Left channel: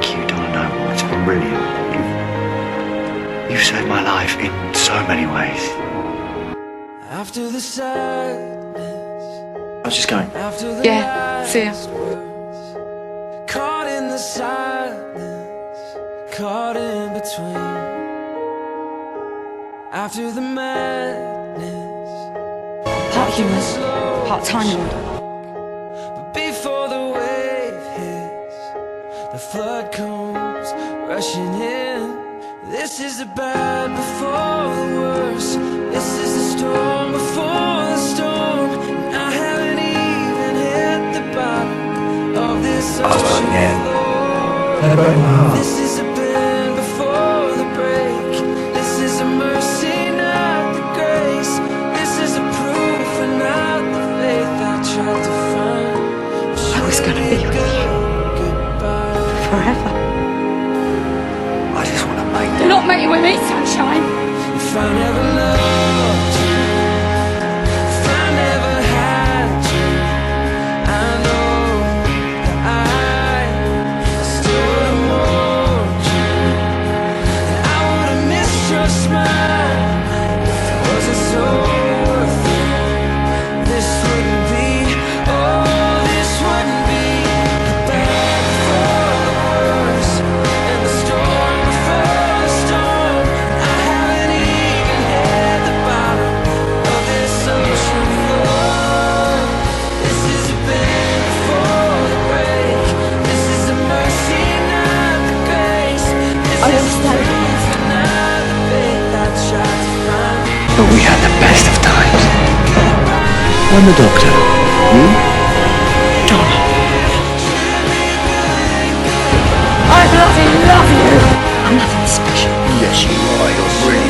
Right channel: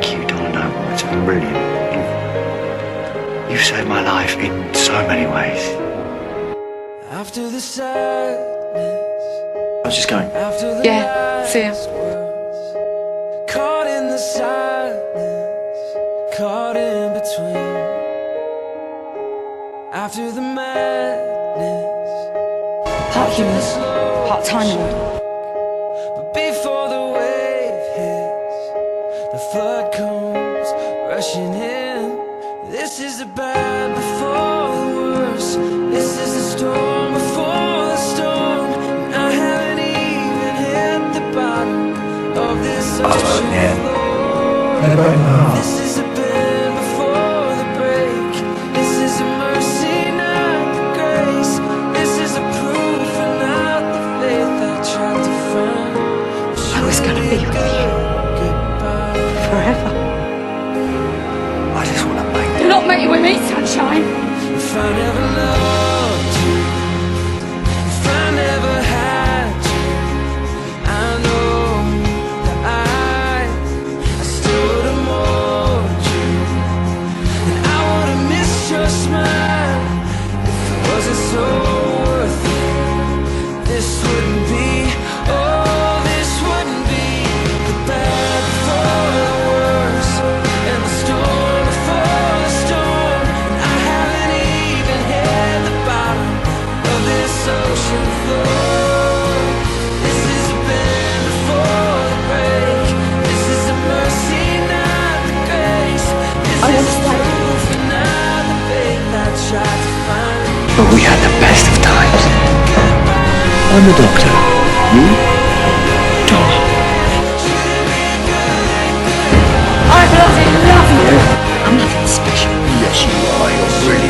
Thank you, Donna Noble. It's been brilliant. You've saved my life in so many ways. After the sadness, I was just going. after the Yeah, see ya. last words, caught in the silence, caught in between. After the madness, Part human, slow part Time Lord. but before the wave hits, the flood comes rushing in. This is the bad before the worst. This is the storm before the storm. And I haven't even hit the bottom of this ocean floor. This is a bend before the break. This is a mercy, not the grace. This is a proof and not the faith I tried to find. I was gonna be with you Goodbye. forever. I just want to make Do not make you with me, sunshine. If I never loved you, if I never had you, I know that I still would have mourned you. And I would have missed your smile if it wasn't so worth it. This wouldn't be, oh, this wouldn't be the bad before the worst and the storm before the storm. And I haven't even hit the bottom of this ocean floor. This is a bend before the break. This is a mercy, not the grace. This I is want to a stay. proof and not the faith I tried to find. But we had the best of times. Goodbye. I'm the doctor. You? Donna. I bloody love you. I'm nothing special. Yes, you are. You're brilliant.